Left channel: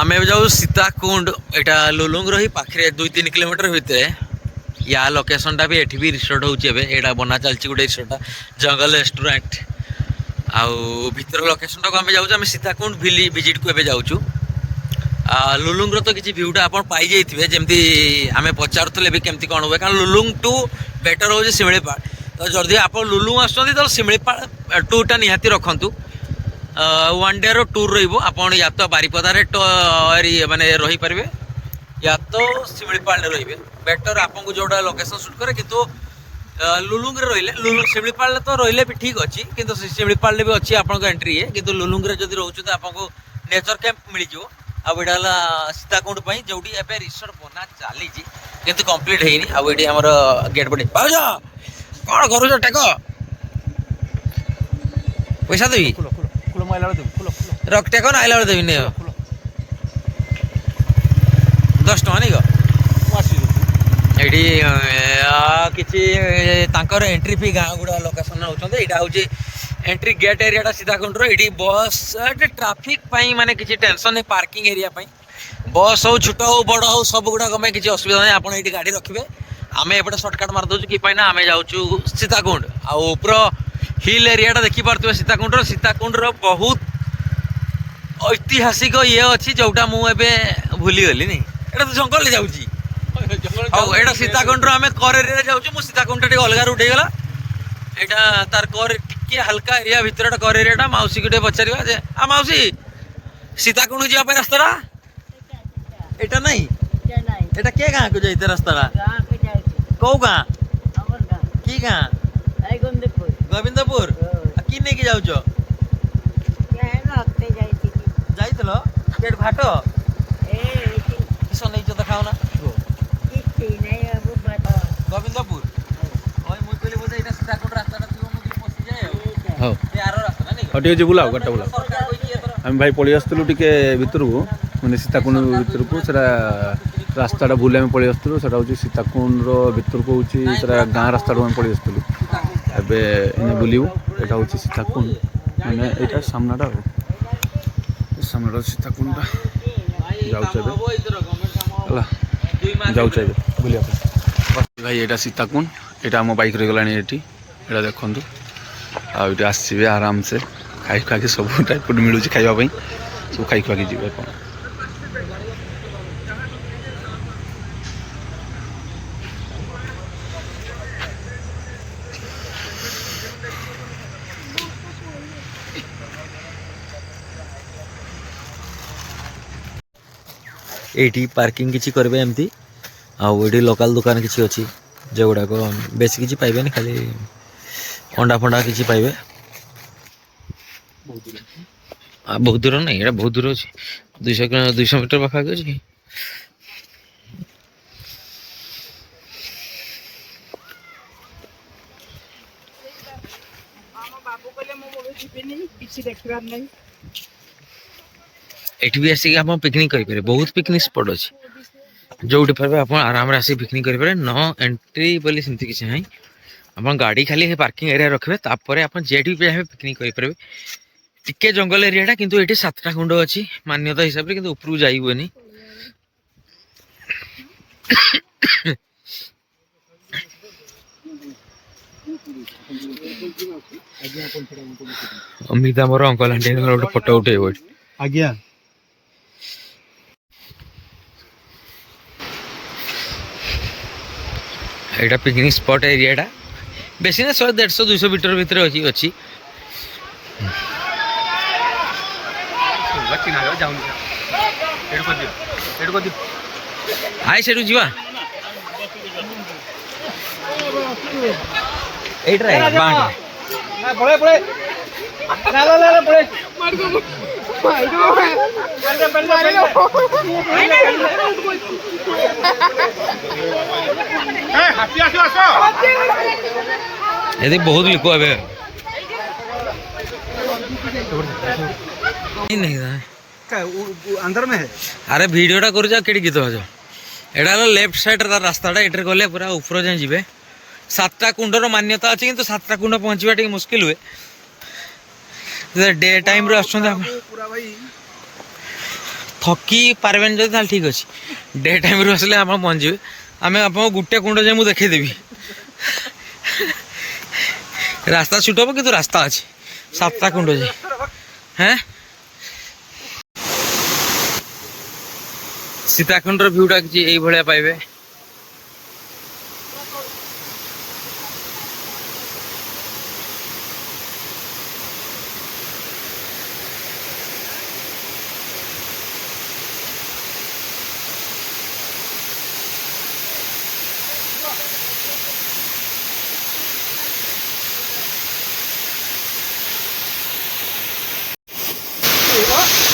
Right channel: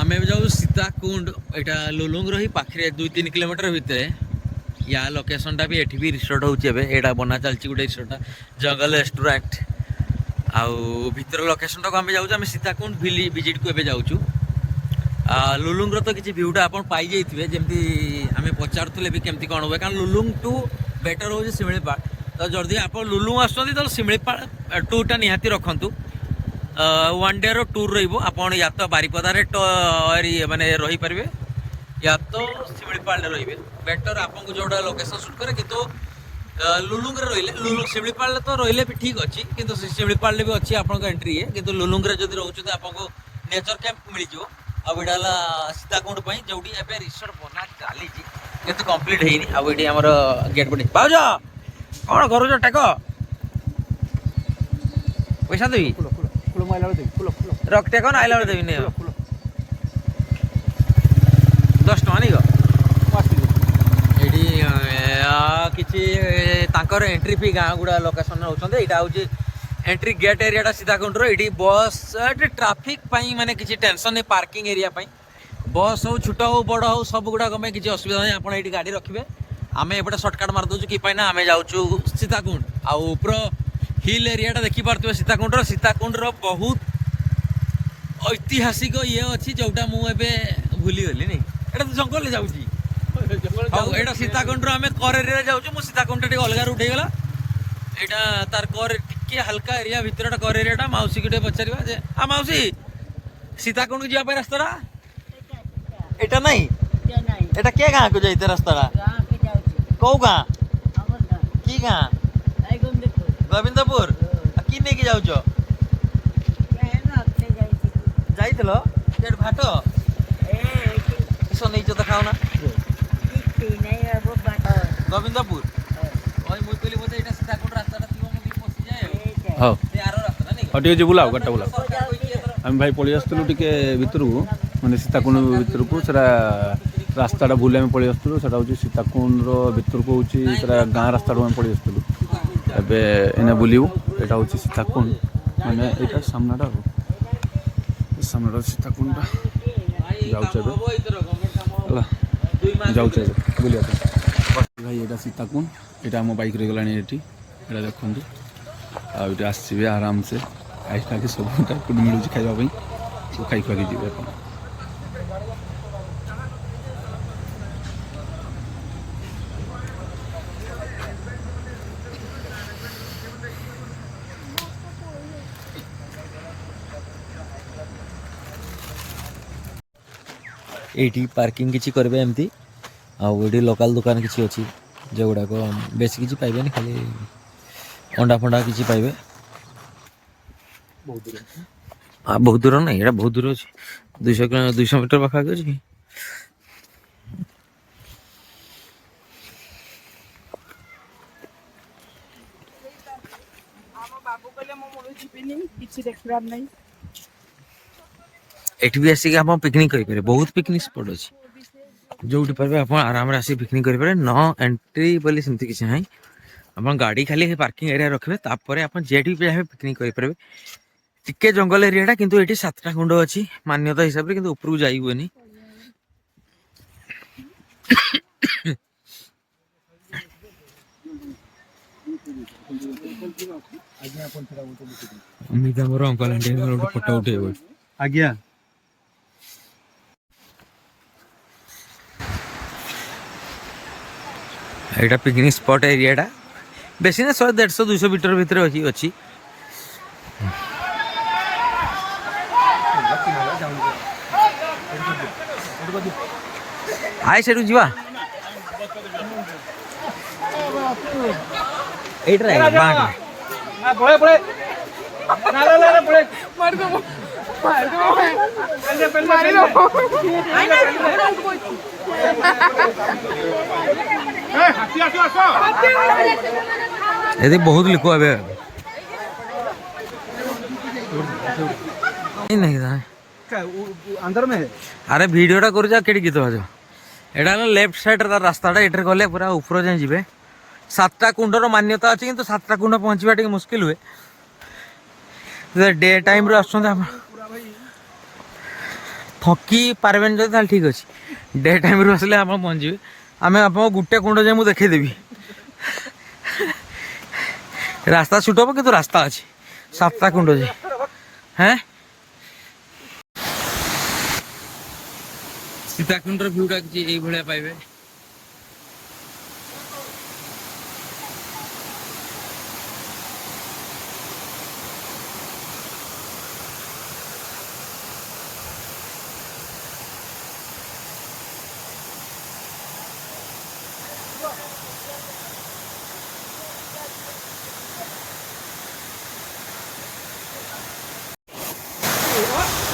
आम जाऊ सीताकुंड एटा लुलुंग रही पाखे 2-3 किलोमीटर भितर या लोकेशन टा भी एठी भी रिसोर्ट होटा बना चलती गोटे रिसोर्ट जंगल रेस्टोरेंट आउ भीतर लोकेशन टाक आम जाऊँ सीताकुंड विजिट को एबे जाऊँ लुलुंग तो किसी भ्यूटा आप पाई जाइए जमी आम पचारूले भी केमती कौन हुए कारण लुलुंग टू बेटर हो शिमिलीपाल तो जदि आप लुलुंग आसुँच तो शिमिलीपाल टूरटा निहाती रखु 1 डे रो टूर रहा या तो बारिपदारे माने रही पारे या तो शिमिलीपाल रे बेटर आपको जोड़ा लोकेशन सुट करे किंतु लुलुंग रे रहिले लुलुंग शिमिलीपाल तो रहिले भी ठीक अच्छी किंतु शिमिलीपाल भी अच्छी आपको एंट्री है किंतु लुलुंग रे जदि रोचु तो आपको नेचर कैंप मिल जाओ आउ एटा सीताकुंड जो रिसोर्ट बना चली कंप्लीट है आमर गेट पटे भाज कौन कर टेक पैसा देवी रख टेक ना आइला देवी नहीं 10 टका नहीं किसी एंट्री फी गाँ गुड़ा लोकेशन होती यहाँ हूँ एंट्री गेट एरिया सीताकुंड ये बस ट्राफिक माने किसी टेंशन नहीं पार्किंग एरिया बस हो छोट हो बड़ हो सब गुड़ाक किसी असुविधा नहीं आप ये गाड़ी रखिए आम एपटे सर्टकट मारिदे कि आम जाऊँ सीताकुंड आउपर हिल एरिया देखी पार्थे सीताकुंड बहुत ऐतिहासिक ये अच्छी जोटा मुझे भूलीगली नहीं एटा तो जंगल जाऊँ एटा सीताकुंड आम कर एरिया जाऊँ सीताकुंड टे अलग रूट होगा यहाँ तार कर टे हल्का एरिया भितर कर एरिया मौसी को पचार आ मौसी सीताकुंड जावाई रास्ता एटा नहीं एटा के गाँ को जाते रास्ता कौ गाँ की गाँ गोविंदपुर कि नहीं जाऊच पेट भाट किस नहीं तो खाओ ना गोविंदपुर मुझे बोधे यहाँ सीताकुंड रास्ता पशि जाए हाँ ठीक अच्छे बुलाओ गाड़ी बुला आम भाई पलि आसलु टे भितर को मैंने सीताकुंड भितर को रास्ता भूल आम पलि आसलु से हूँ सीताकुंड भितर को हूँ गाँ रास्ता आम पलि आसलु एवं बुलू यहाँ हूँ सीताकुंड माने यहाँ सामनाटा सामना सीताकुंड जाऊँ बुलिया भाई यहाँ सीताकुंड यहाँ आम बाइक रहीगला ये देखु आगे आसवे आराम से खाई खुआ सब टाइप मिलूँ खावाई सब खाई खुआ जी आप ये पार्किंग किसी करेंगे एमती आउे लोकल दुकान किसी अच्छी जो गुड़ाक बेस किसी पाइबे खाली अंडा फंडा किसी पाइबे बहुत दूर नहीं ये बहुत दूर अच्छे 200 मीटर पाखा अच्छी एटी भी आसिक आप पिकनिक करेंगे बहुत पिकनिक स्पॉट अच्छी जो पारे आप आराम से आसिक पिकनिक करेंगे न एंट्री बोली सेमती किसी ना आप गाड़ी खाली पार्किंग एरिया रखिए तापर आप जेटी भी चाहे पिकनिक करेंगे टिके जंगल एरियाटा किंतु ये 7टा कुंड अच्छी मान्यता हिसाब से किंतु उपरू जाई हुए अमिता मोर अंकल आंटी गोटे फोटो उठे आज्ञा यहाँ पिकनिक स्पॉट एरियाटा बेसी ना 100-150-200 मीटर भितर अच्छी आए से जा यदि बहुत लिखो अबे नहीं अंदर में है अरे वीडियोटा कर जा केड़ी गीत बाजो एटा लेफ्ट साइड रास्ताटा एटर गले पूरा ऊपर जाए जीवे 7टा कुंडर मान्यता अच्छी किंतु 7टा कुंड पहुँचवा टे मुस्किल हुए डे टाइम रे आछन थकी पारबेन जदि ताल ठीक अछि डे टाइम रे आसले आप पहुँचे आम आप गोटे कुंड जाए मुझे देखदेवी रास्ता छुट हम कि रास्ता अच्छे 7टा कुंड जाए हैं सीताकुंड भ्यूटा कि भाया पाइबे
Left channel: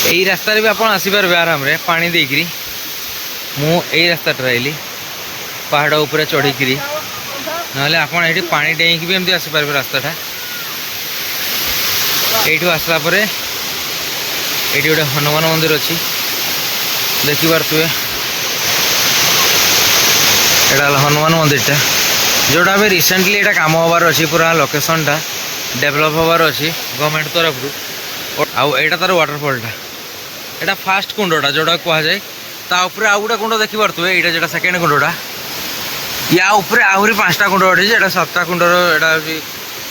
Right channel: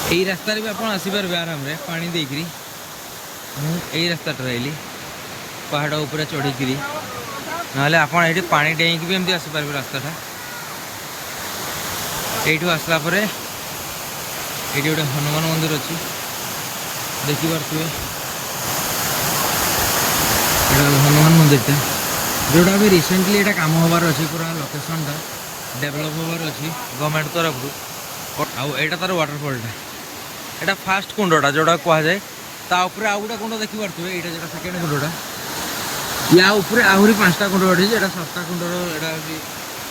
यही रास्ता भी आप आसीपारे आराम रे पानी देकरी मु यही रास्ता ट्राइली पहाड़ उपरे चढ़ीकरी ना ये पानी डेईकी भी एमती आसीपारे रास्ताटा यू आसला ये गोटे हनुमान मंदिर अच्छी देखिपे यहाँ हनुमान मंदिरटा जोटा भी रिसेंटली यहाँ कम हबार अच्छी पूरा लोकेशनटा डेभलप हबार अच्छी गवर्नमेंट तरफ आउ एटा तार वाटरफॉलटा एटा फास्ट कुंडटा जोटा कह जाए ताऊपर आउ गोटे कुंड देखिपे यहाँ जो सेकेंड कुंडटा या ऊपर आहरी 5टा कुंड अच्छी यहाँ 7टा कुंडर यहाँ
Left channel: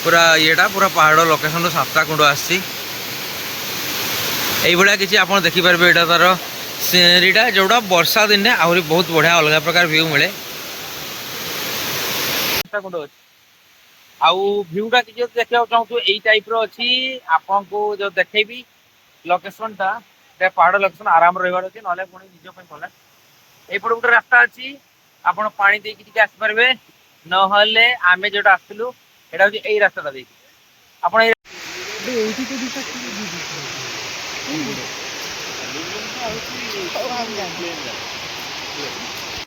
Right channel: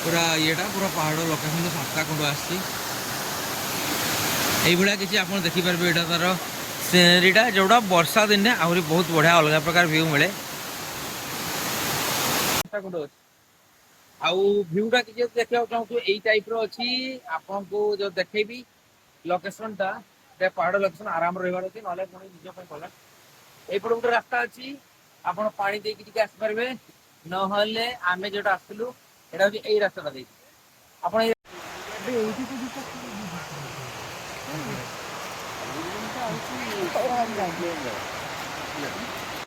पूरा येटा पूरा पहाड़ लोकेशन 7टा कुंड आसी किसी आप देखिपारे यहाँ तार सीनेरीटा जोटा वर्षा दिन आहरी बहुत बढ़िया अलग प्रकार व्यू मिले आउ भ्यूटा किसी देखा चाहूँ यही टाइप रही आपको जो देखेबी लोकेशनटा पहाड़ लोकेशन आराम रही अच्छे ना पुणी निज भला यपटे गोटे रास्ता अच्छी आप पानी देकी आसपारे ना आम जो आसलु यहाँ हूँ यही रास्ता देखिए आप